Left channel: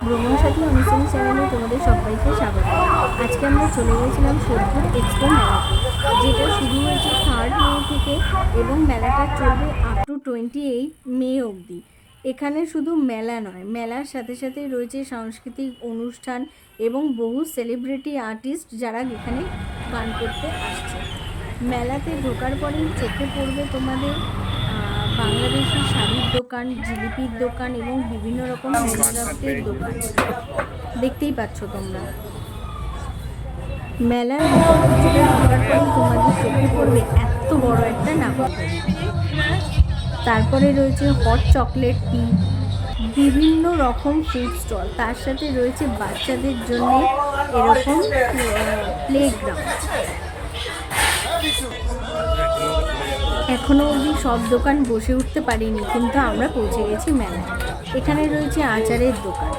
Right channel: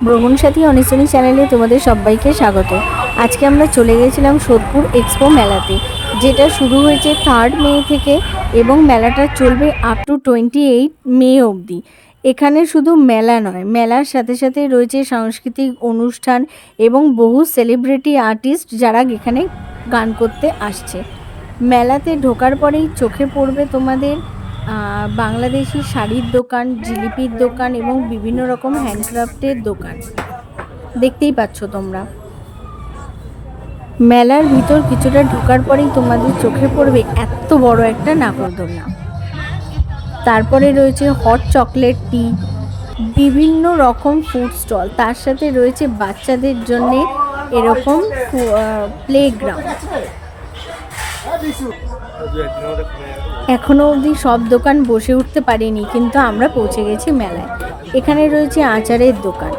ভ্রমণ সাথী অনিসনী চ্যানেলে তোমাদের সবাইকে স্বাগত। আজকে আমরা চলে গেছিলাম সোদপুর এক্সপো মেলাতে, যেটা শুরু হয়েছে 3 মে থেকে এবং মেলাটা চলবে আপ টু 28 মে অবধি। এখানে শুধু মেলা নয়, মেলার সাথে সাথে রয়েছে সাংস্কৃতিক অনুষ্ঠান এবং বহু সেলিব্রিটি আর্টিস্ট যারা এখানে গান করতে আসছে। মেলাতে ঢোকার পরেই চোখে পড়বে তোমাদের বাংলাদেশি শাড়ির দোকান, জিলিপির দোকান এবং বিভিন্ন রকম হ্যান্ডক্রাফটের দোকান দেখতেই পাচ্ছ তোমরা। মেলার ভিতর কিছুটা ঢোকার পরেই তোমাদের চোখে পড়বে এত বড় একটা নাগরদোলনা। তারপরে রয়েছে হট চকলেট টি, বিভিন্ন রকম ফুড স্টল, তার সাথে রয়েছে বাচ্চাদের জন্যে এরকম প্লেগ্রাউন্ড। এখনও অবধি সব দোকান বসে উঠতে পারিনি, কিন্তু আমরা পৌঁছে গেছি মেলায়। এখানে রয়েছে আচারের দোকান,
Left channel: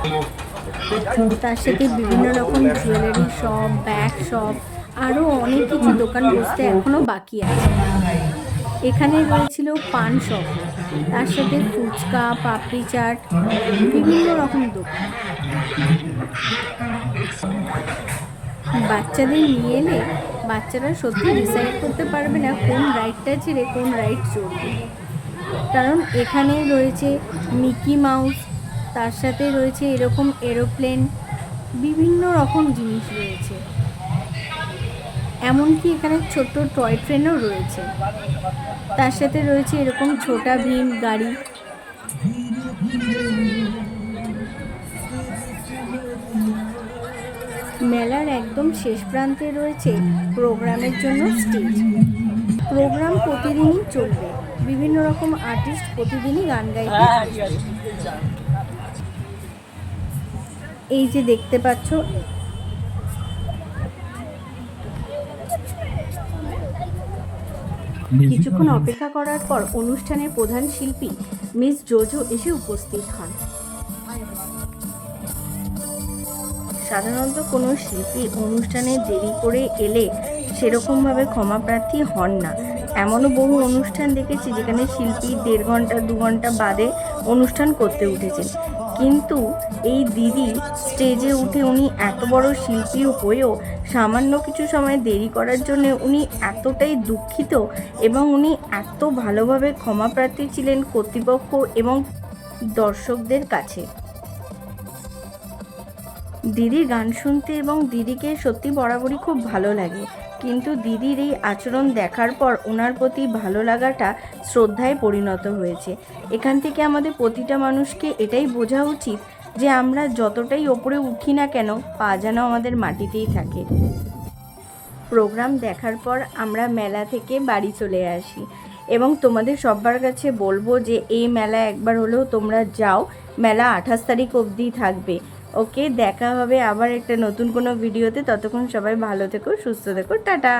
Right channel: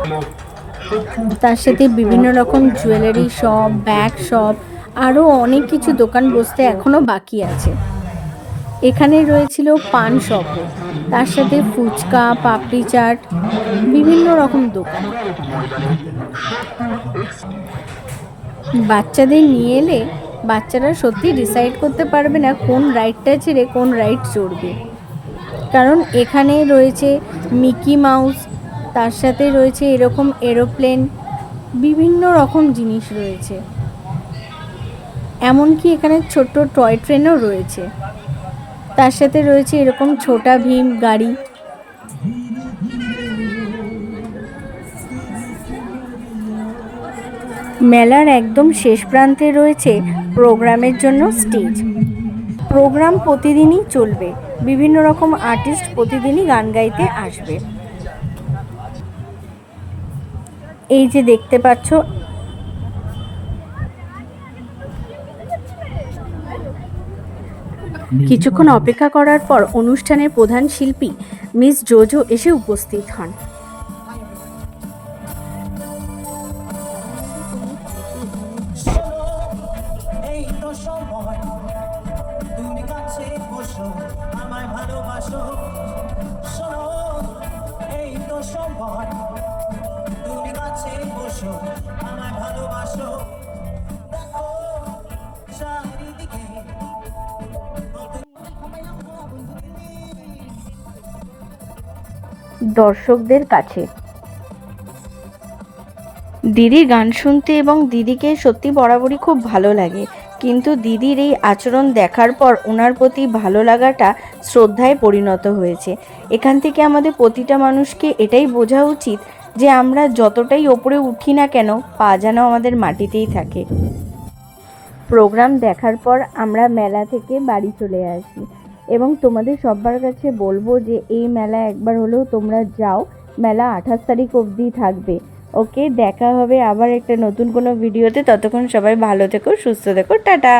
তার সাথে বিভিন্ন রকম জুয়েলারি শপ, ব্যাগ শপ, আরও অনেক কিছু দোকান বসতে এখনও বাকি আছে। এখানে রয়েছিল পান শপও, তার সাথে ফুচকা, পাপড়ি চাট, বিভিন্ন রকম দোকান। বাচ্চাদের নিয়ে এলে বাচ্চারা সত্যি ডিসাইড করতে পারবে না কোন রাইডটা ছেড়ে কোন রাইড চড়বে, কারণ এখানে রয়েছে মিকি মাউস, তার সাথে রয়েছে এরকম এরোপ্লেন, বিভিন্ন রকম জিনিস রয়েছে। এমনকি এখানে ছোট্ট টয় ট্রেনও রয়েছে, তার সাথে রয়েছে এরকম ছোটা ভীম গাড়ি। মেলার একদম শেষ প্রান্তে রয়েছে প্রোগ্রামের জন্য স্টেজ। প্রোগ্রাম প্রতিদিনই চলবে, বিভিন্ন রকম আর্টিস্ট প্রতিদিনই গান গাইতে আসবে। এই যে দেখতে পাচ্ছ, কিছুক্ষণ অপেক্ষা করার পর অনুষ্ঠানের প্রধান শিল্পী মিস জোজো এসে উপস্থিত হন। সাধারণত কোনো শিল্পী অনুষ্ঠানে দেরি করে এলে সেরকমভাবে ক্ষমাপ্রার্থী হন না। এমনও বহু অনুষ্ঠান দেখেছি যেখানে শিল্পী 1.5 ঘন্টা 2 ঘন্টা বাদে অনুষ্ঠান করতে উঠেছে, কিন্তু এই দিদি স্টেজে উঠে উনি এত বড় শিল্পী হয়েও সামান্য কিছু সময় দেরি করার জন্য উনি এতটাই দুঃখিত এবং উনি এত ভালোভাবে ক্ষমাপ্রার্থী ছিলেন কর্তৃপক্ষ এবং দর্শকদের কাছে। দিদির গান শুনতে এবং দিদিকে সত্যি বরাবরই খুব ভালো লাগে, কিন্তু দিদির এই আচরণ দেখার পর ওনার প্রতি ভালো লাগাটা শ্রদ্ধায় পরিণত হয়েছে। এখান থেকে আমাদের প্রতিটা মানুষকে এটাই বোঝা উচিত যে আমরা যতটাই ওপরে উঠি না কেন, পা যেন আমাদের মাটিতেই থাকে। প্রোগ্রাম দেখার পর আমরা মেলা থেকে বাড়ি চলে আসি এবং তোমাদের সবার কাছে বলবো যে এই মেলা একবার হলেও তোমরা যাও। মেলা 28 তারিখ অবধি থাকবে। ওকে, দেখা হবে আবার একটা নতুন কোনো ভিডিওতে। ততক্ষণ সবাই ভালো থেকো, সুস্থ থেকো, টাটা।